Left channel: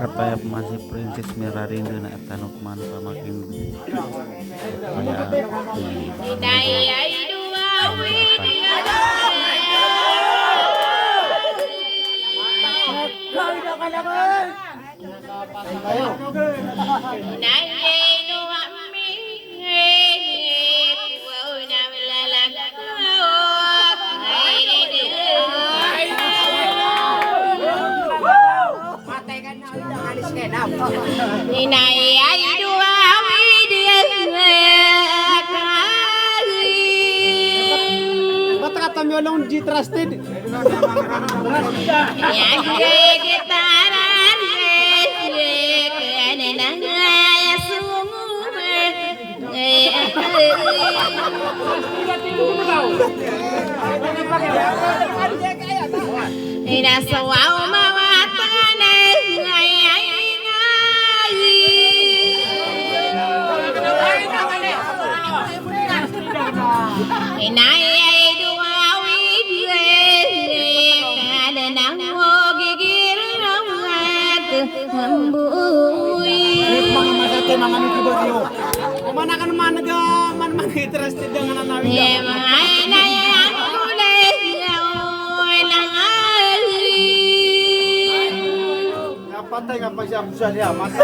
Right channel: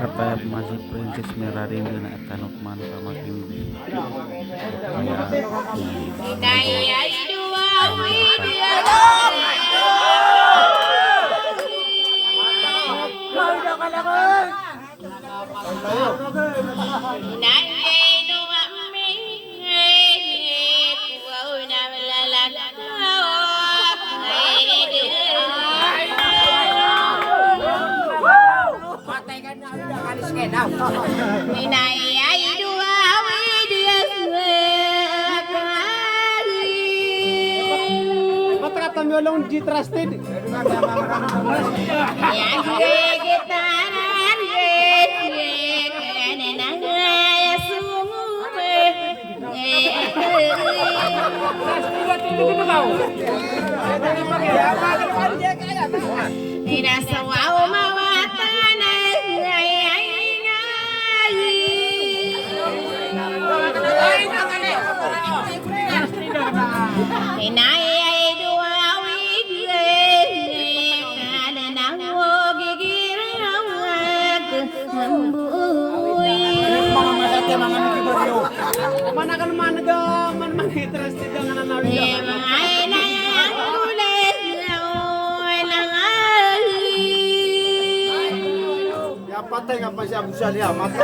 Katanya masih princess merah rindu nak tanuk manta makin kayak Trusted. Tidak selalu Mana kan mana ga man interested dengan anak patay nga pa siya busa niya mata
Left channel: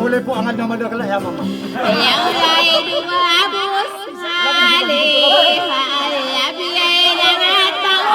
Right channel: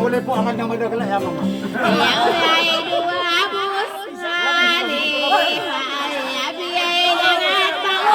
Boleh po angkat nama dia kelak ya mama. Yang lain dua bus salih, ya biaya dengan tahu.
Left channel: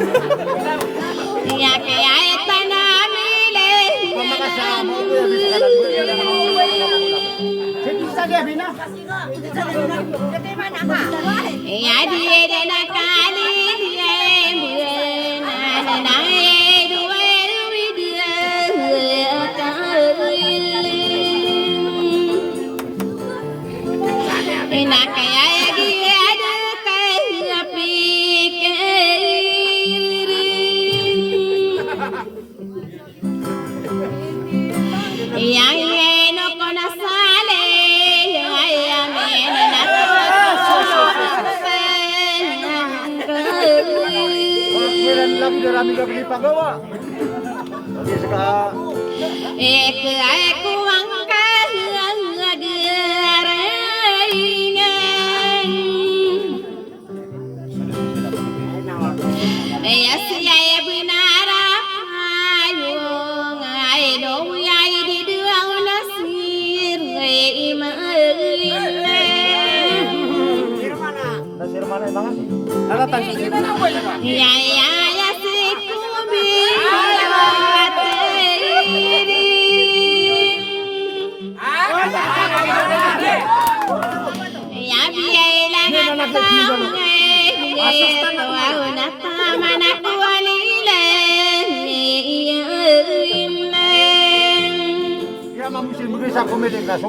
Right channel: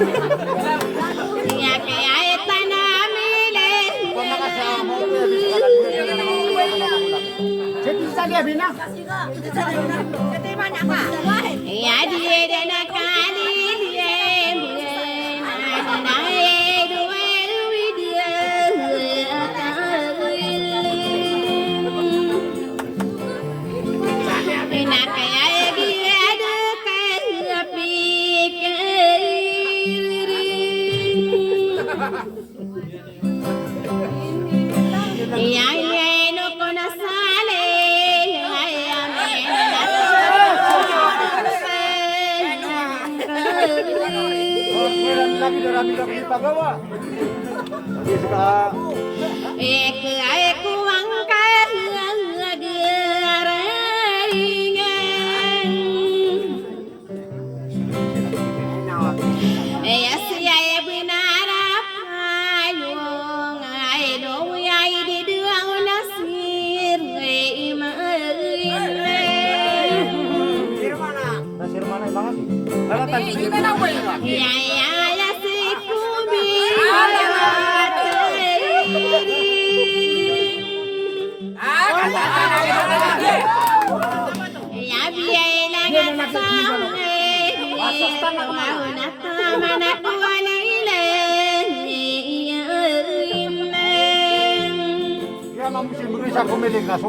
Ya kaya tanamile. Ya dia na kali dia na dua dia na kaya dia ada kaya pikir yang no kona sale ya meno na ek aku angkat gerainya ya saya benar payung ai do ai di dua nasir ya si kubi ya biaya langat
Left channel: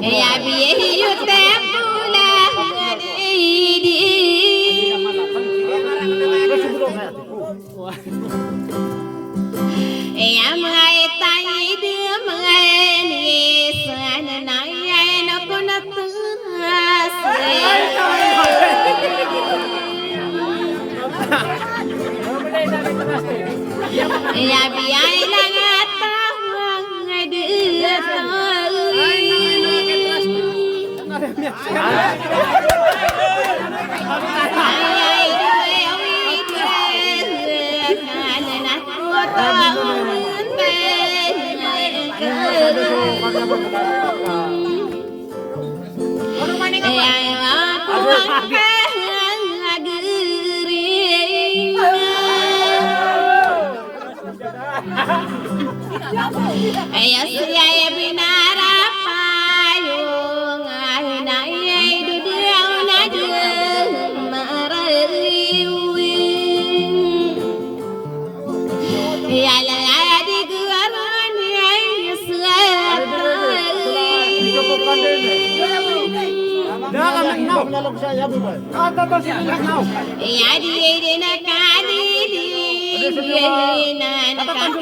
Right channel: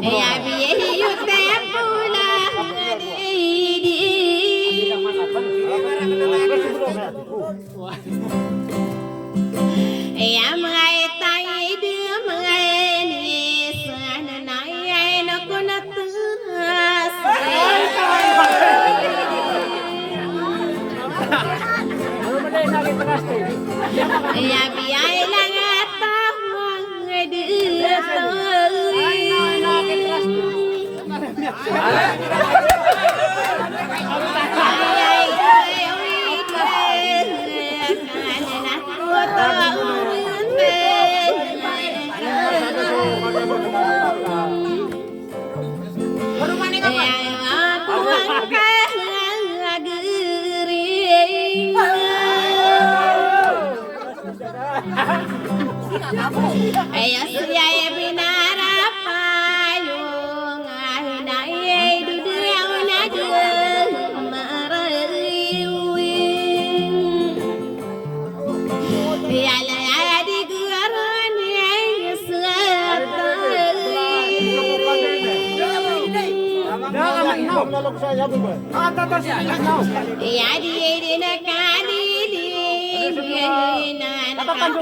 ya biaya tempo lah ya mga tayo dia mga ni sana na ay nako na tunas ya biaya lang at tawang dito Ayo siya binara payung ay na ay dudaw na dumaraywin yala di guaran ay ya di na kanili na nakakali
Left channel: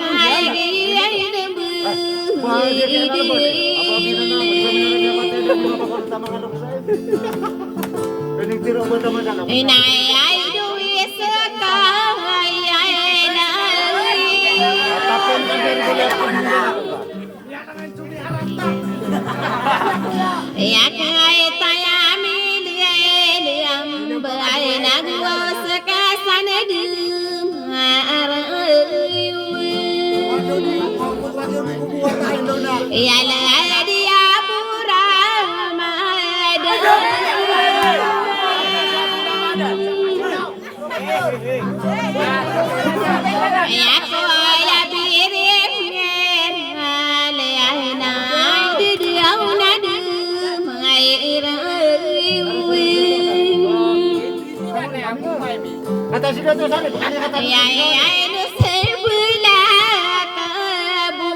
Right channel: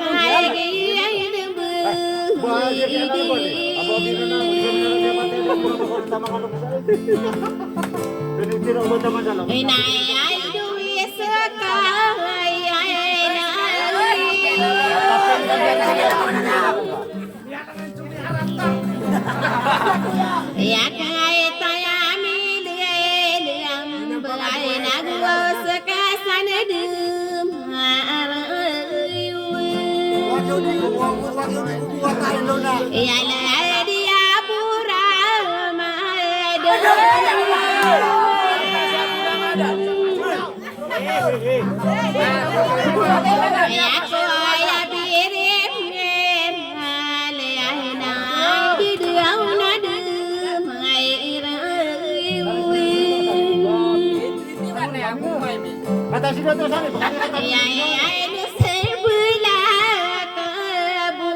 Inay ay duwis ka ya kay tayami diam bay nagwas ka sanadum ya la dia pura ya ko ya birim ya na dia na dum ay ya ya no sebula kabu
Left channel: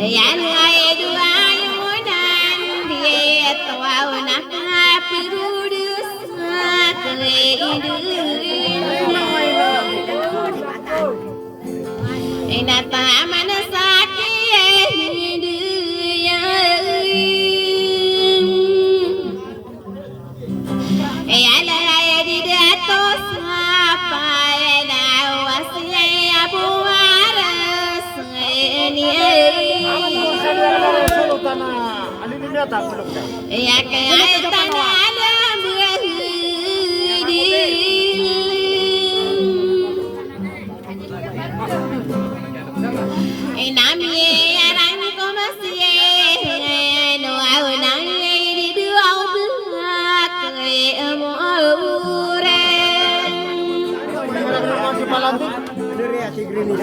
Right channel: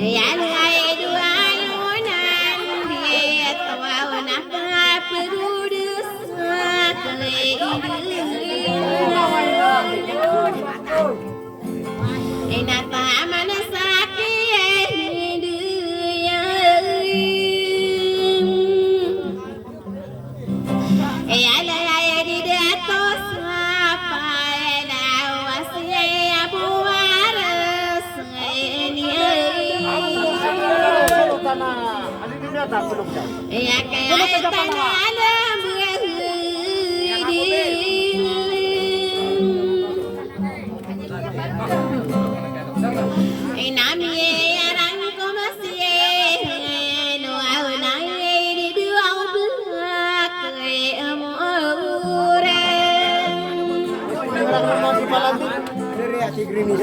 ya ay dua yunan dia tawa na kapurus ina taman sakit dia ya la ya di datos apa na wasya buaras ini ya kaya tanala inami arang ko masye no au na di dua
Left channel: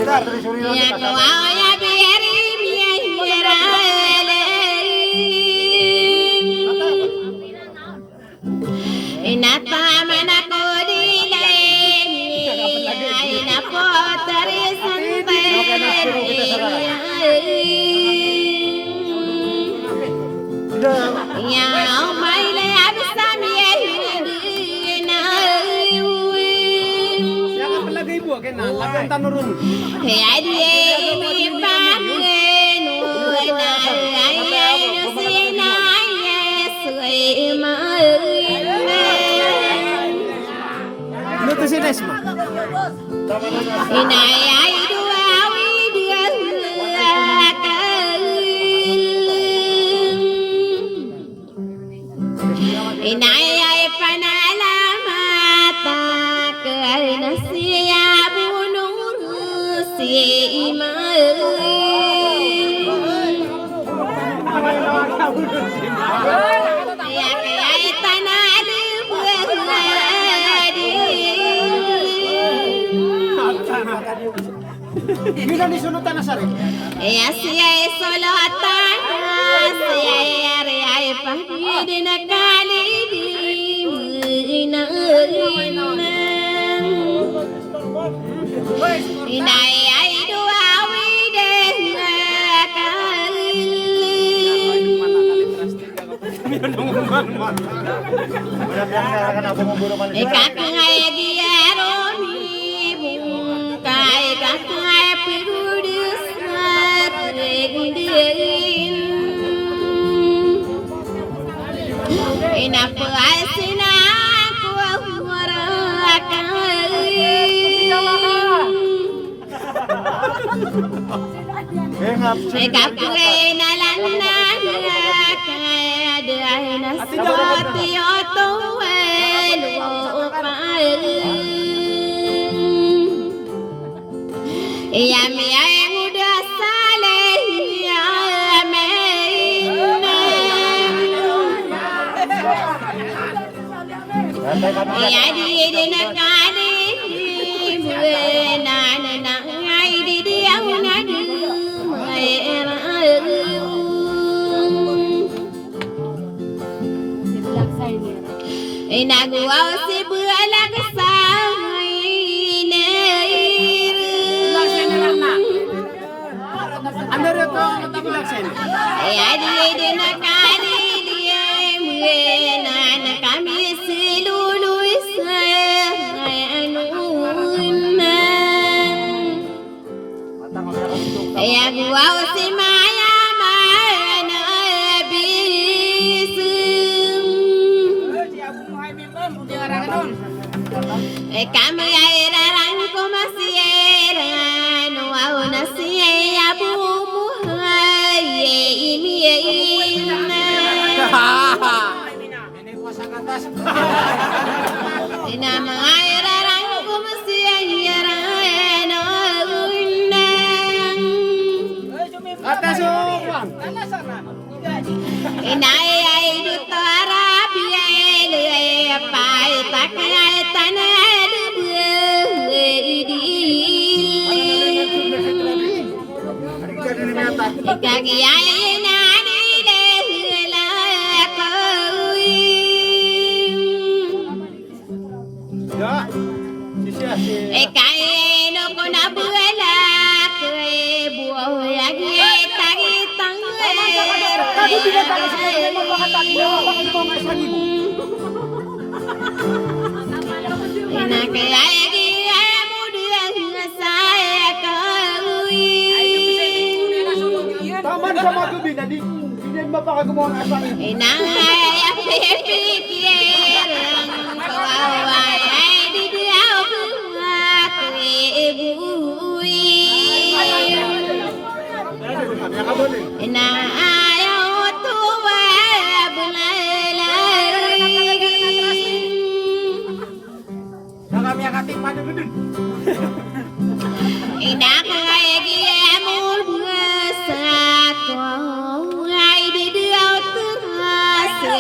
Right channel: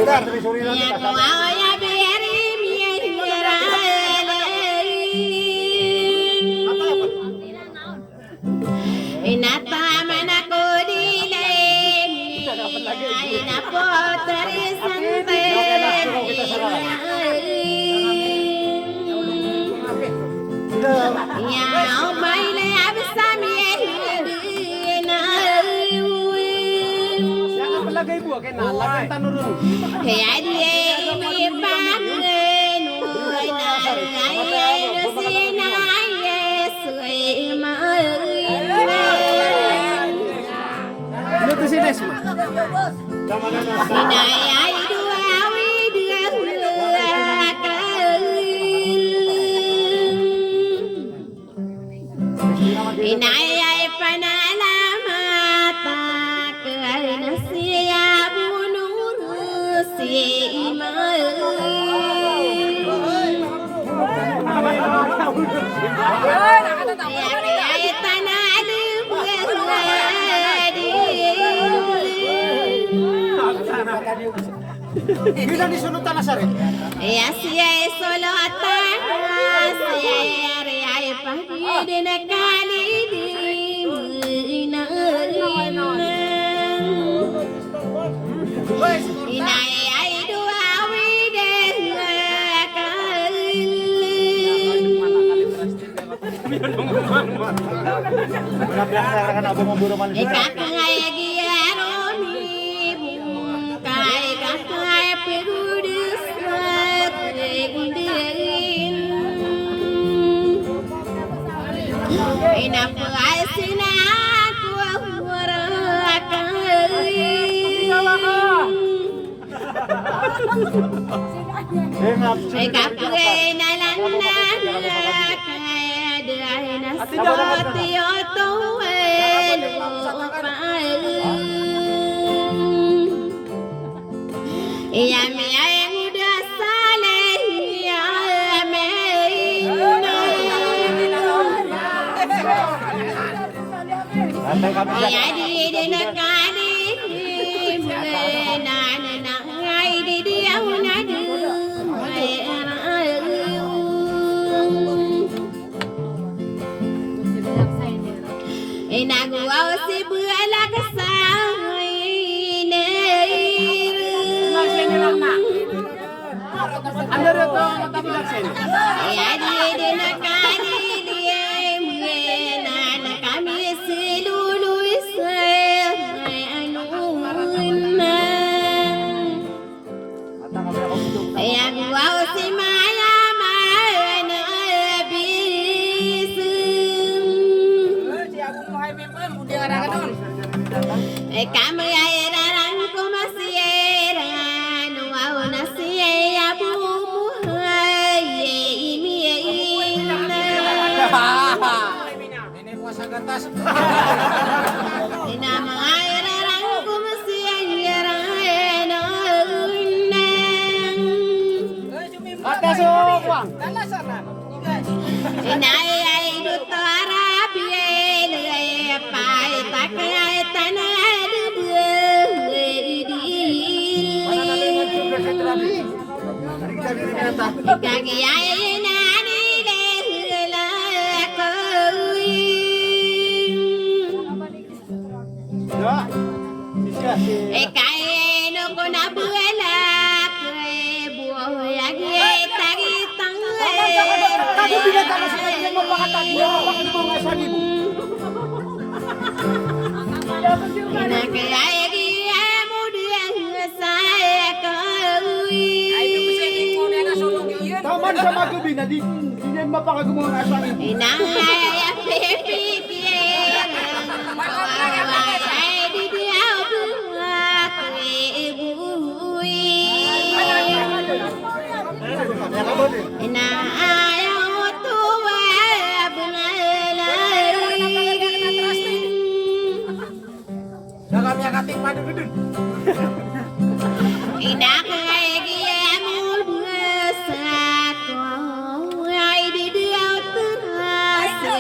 Ya kau ya biari biara inata mana ko dile ina potri sante ya mai le absami na Lagay buah kay na, lagay tanurun. ya die mi pangenu na ay no sina yesui ma Luto si Nes mo. inay ay dua widia inay ay panalamata karena siya bunur si ma ay tanali Gila ni sunutan na sari. ya siya ay solotan siya ay pahidin na inay ay dua widah kakay giaroni bungkay kakay perudus rindirin inapay sinaku kapre na lanang kaya dahil na soti oto yami ay muda sale yami ya di na kani na ay di ang nadu Inaguaw si bualag sa Ano rin ko ang tibilaksin? Ay di na kanili na kami si Luluy sa ay aguaw si Maya kami ay rarang kumasira nuaw na siya bumuhay Inama ay rarang kumasira Atas o kuwang? inay ay dutara biyay pay takay tanay Kagiyay na nila kaya no ko na buwalak buhay agitang Kado binata ka sa kanya mapakatali na bakit mo nga isa libo? kaya mo diyan sa Taman sa magabi na di yan mapakagawa ng asa libo. inangay pipikirang kawaway ay di diyaw buwak ibuwi inaayaw tuwa bulalay Nakami ang ating madugudun. inakay giyamul buwasak ay di diyaw tuwa sa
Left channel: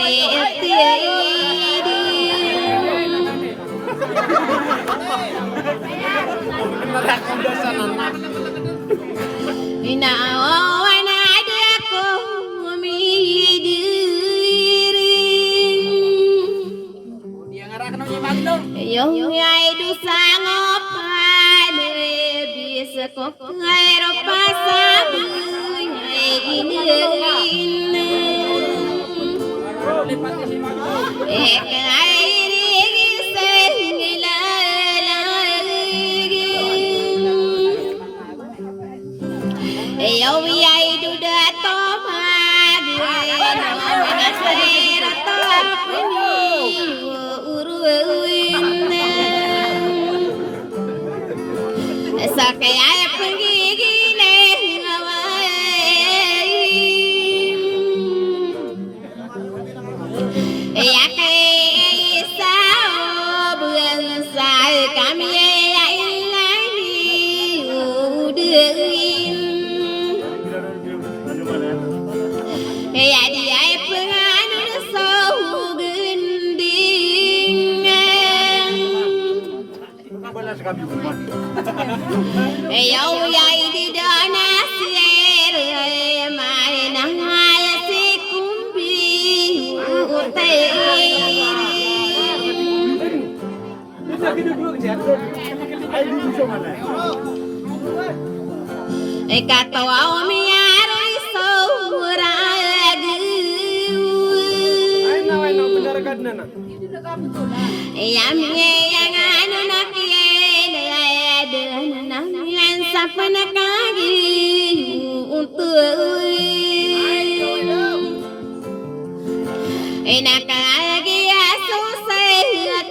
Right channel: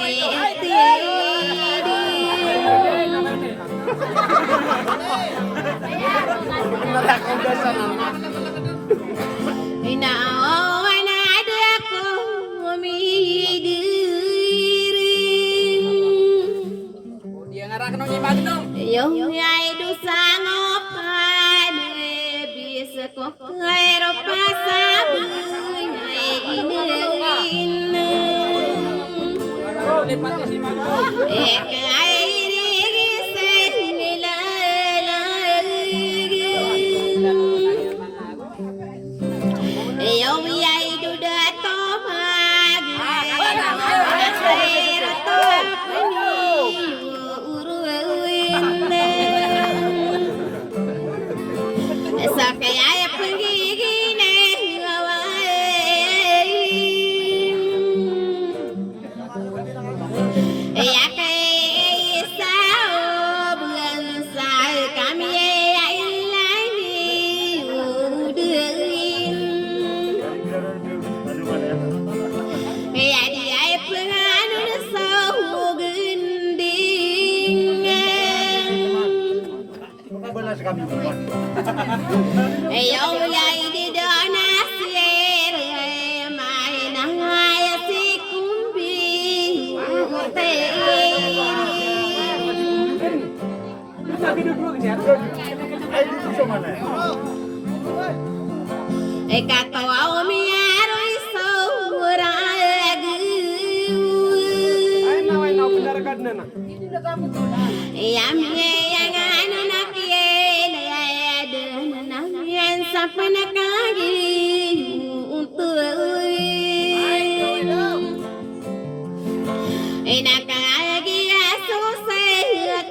Inawan adaku midiri Dia ngarahkan nonyi bagi dong. Yung ay dusangop bisa kok kairo pasabuy ay inilin Lipati si Magi dong. Sakaya penggigile ya kay sao bukan sai kami ya ilahi udein ya dia penganun sau gending Ayaw yay di donasir may nangay si kumbi Katawa umiyaro isorag Yamye yang ano nakiyan sa panakagi untuk nakagi aso sa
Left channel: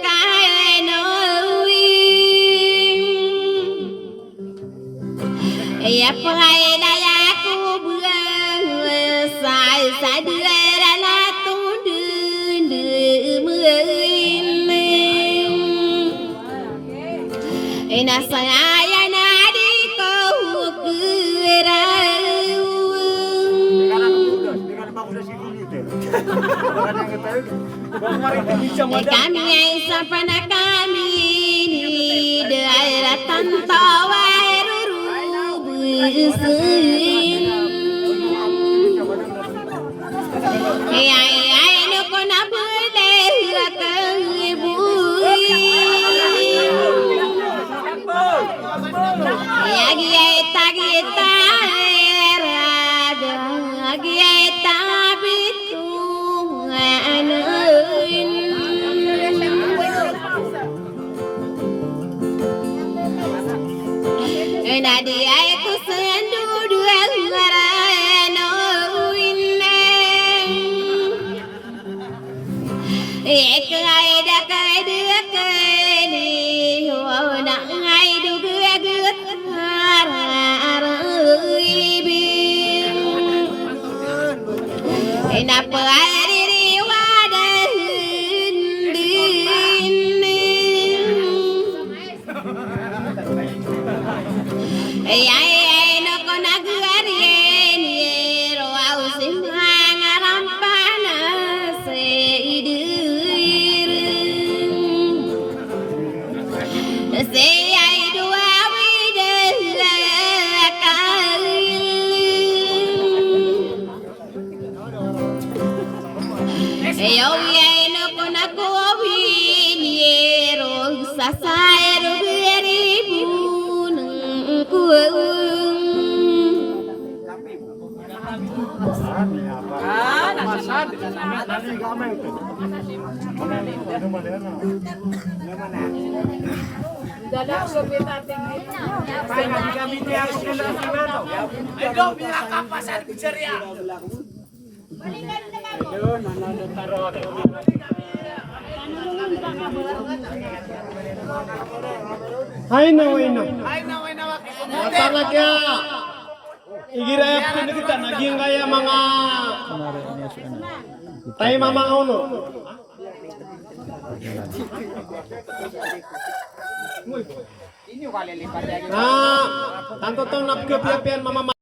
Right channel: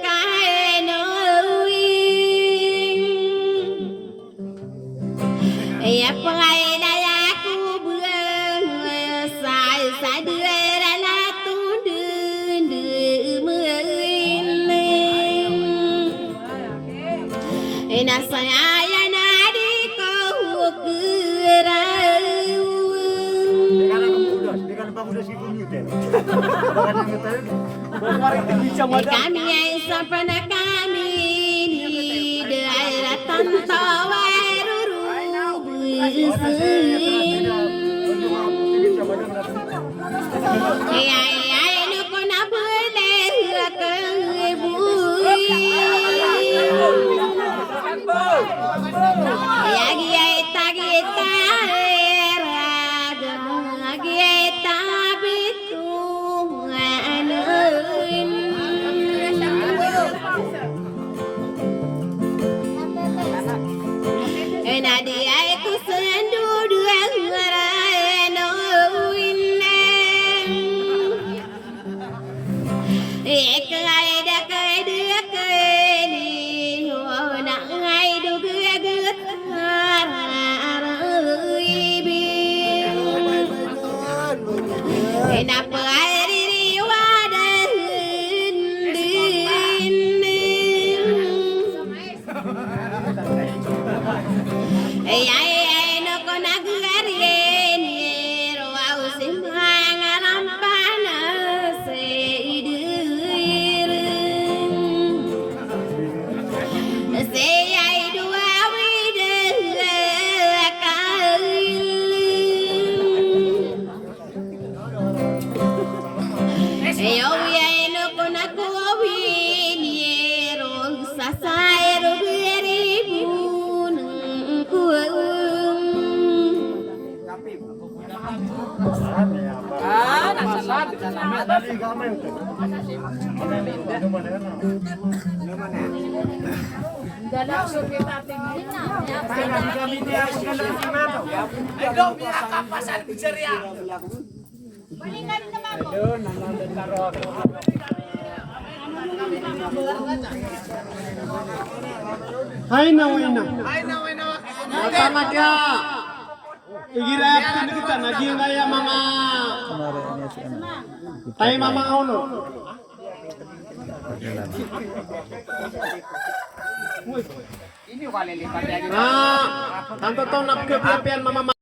kainoin ya pangay ko buang sa dira la tundun Nasangaya na di ko kuraw Kami ay sa panakami ni daratan tawar rurubusin Ay no ko na bule Yagi ay tagita Yagi ay tabitu Anoin Nadi ay kusandu Duang aranoin Ek ay dakay dakay Wana ay dugagut Napari wadah Ay no ko nagarian Raw simhang rampana sa idir Say dua Ayaw yay no ko na ko winierong sasayro beribun kuung Hai na. Talaga. Igirap kita naging kaya mga tayo mamang ulo. Ang totoo na pagkapian mama